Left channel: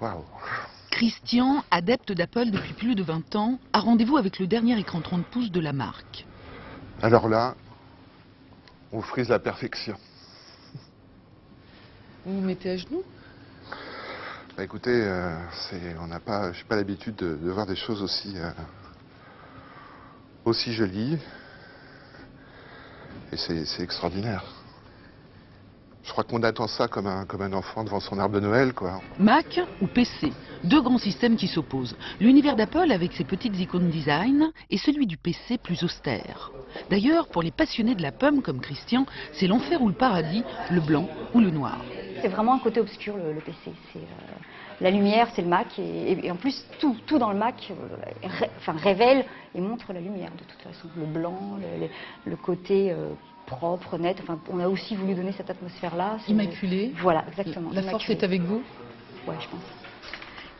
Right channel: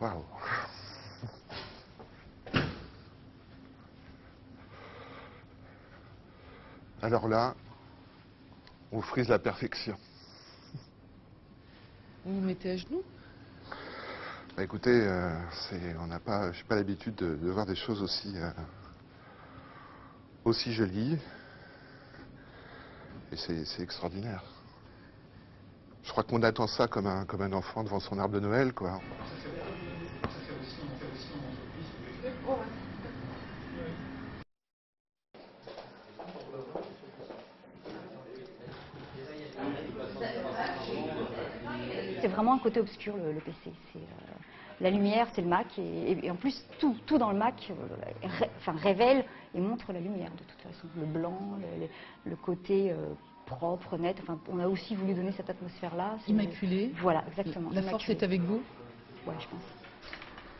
Waouh. Christian, adepte d'Apple depuis plus de 20 ans, a rendez-vous avec le dernier écran 30 pouces de la marque. Alors là, on frise la perfection. Vous vous mettez à genoux? Bah, écoutez, je n'ai pas l'habitude de voir des choses aussi jolies. Et c'est extraordinaire. Je crois qu'on attend ça comme un enfant devant son arbre de Noël, quoi. Mac ou PC, deux grands systèmes qui s'opposent. L'univers d'Apple avec ses petites icônes design et celui du PC plus austère. D'ailleurs, pour les passionnés de la pomme comme Christian, c'est l'enfer ou le paradis, le blanc ou le noir. C'est vraiment un côté obscur le PC. La lumière, c'est le Mac et en plus tout dans le Mac révèle et montre la lumière de toute façon. Le blanc, le côté propre, net. Enfin, on a aussi voulu donner cette atmosphère-là. Immaculé. Voilà, exactement. La force est avec vous? Ouais, je pense.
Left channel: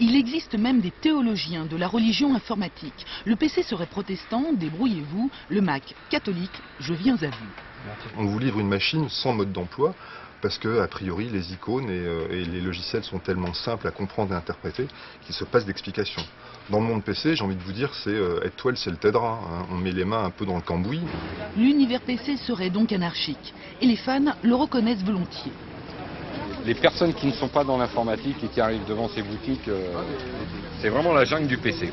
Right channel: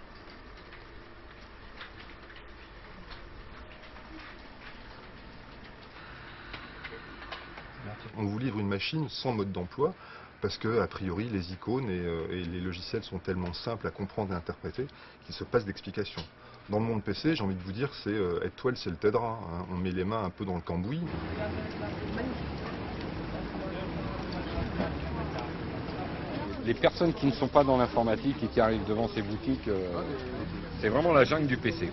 Il existe même des théologiens de la religion informatique. Le PC serait protestant, débrouillez-vous. Le Mac, catholique, je viens à vous. On vous livre une machine sans mode d'emploi parce que, a priori, les icônes et les logiciels sont tellement simples à comprendre et à interpréter qu'il se passe d'explications. Dans le monde PC, j'ai envie de vous dire, c'est aide-toi le ciel t'aidera. Hein. On met les mains un peu dans le cambouis. L'univers PC serait donc anarchique. Et les fans le reconnaissent volontiers. Les personnes qui ne sont pas dans l'informatique et qui arrivent devant ces boutiques, c'est vraiment la jungle du PC.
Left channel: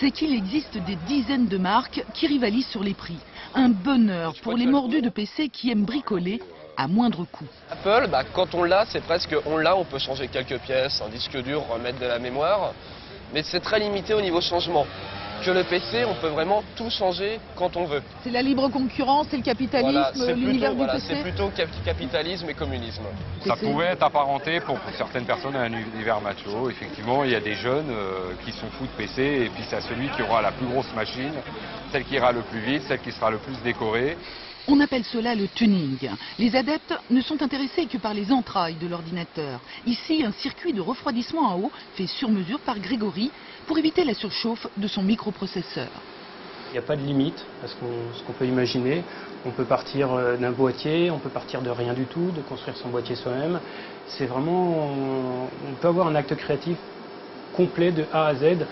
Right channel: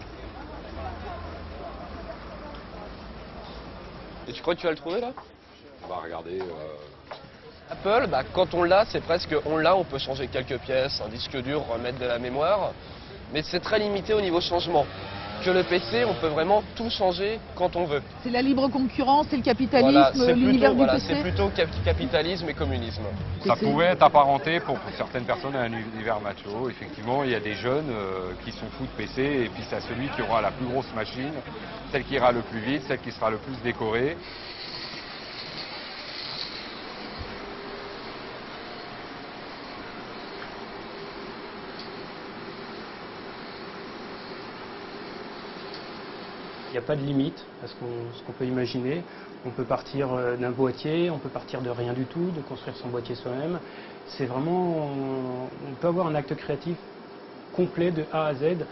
C'est qu'il existe des dizaines de marques qui rivalisent sur les prix. Un bonheur pour les mordus de PC qui aiment bricoler à moindre coût. Apple, quand on l'a, c'est presque on peut changer quelques pièces, un disque dur, remettre de la mémoire, mais c'est très limité au niveau changement. Que le PC, on peut vraiment tout changer quand on veut. C'est la libre concurrence, c'est le capitalisme, voilà, l'univers du PC. C'est plutôt capitalisme et communisme. Ça pouvait être apparenté pour certaines personnes à un univers macho. Effectivement, il y a des jeunes qui sont fous de PC et puis c'est celui qui aura la plus grosse machine, celle qui ira le plus vite, celle qui sera le plus décorée. On appelle cela le tuning. Les adeptes ne sont intéressés que par les entrailles de l'ordinateur. Ici, un circuit de refroidissement à eau fait sur mesure par Grégory pour éviter la surchauffe de son microprocesseur. Il n'y a pas de limite à ce qu'on peut imaginer. On peut partir d'un boîtier, on peut partir de rien du tout, de construire son boîtier soi-même. C'est vraiment, on peut avoir un acte créatif complet de A à Z,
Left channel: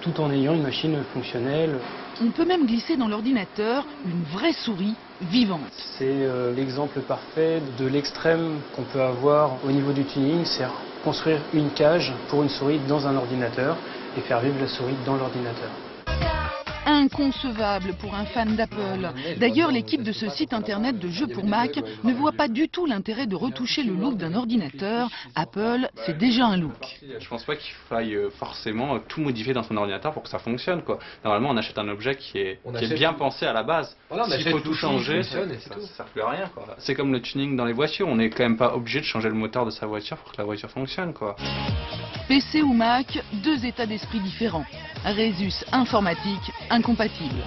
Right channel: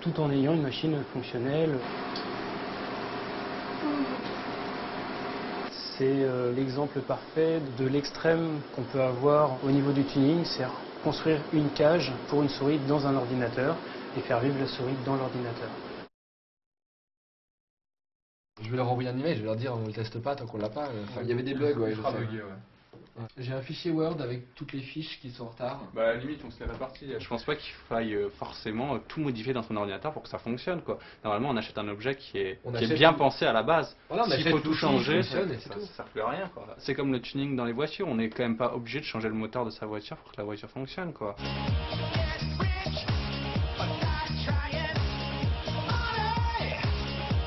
tout en ayant une machine fonctionnelle. On peut même glisser dans l'ordinateur une vraie souris vivante. C'est l'exemple parfait de l'extrême qu'on peut avoir au niveau du tuning, c'est construire une cage pour une souris dans un ordinateur et faire vivre la souris dans l'ordinateur. Inconcevable pour un fan d'Apple. D'ailleurs, l'équipe de ce site internet de jeux pour Mac ne voit pas du tout l'intérêt de retoucher le look d'un ordinateur. Apple, c'est déjà un look. Je pense pas qu'il faille forcément tout modifier dans son ordinateur pour que ça fonctionne, quoi. Normalement, on achète un objet qui est bien pensé à la base. S'il faut tout changer, ça ne sert plus à rien, quoi. C'est comme le tuning dans les voitures. On n'est quand même pas obligé de changer le moteur de sa voiture pour que la voiture fonctionne, quoi. PC ou Mac, deux états d'esprit différents. Résus informatique incompatible.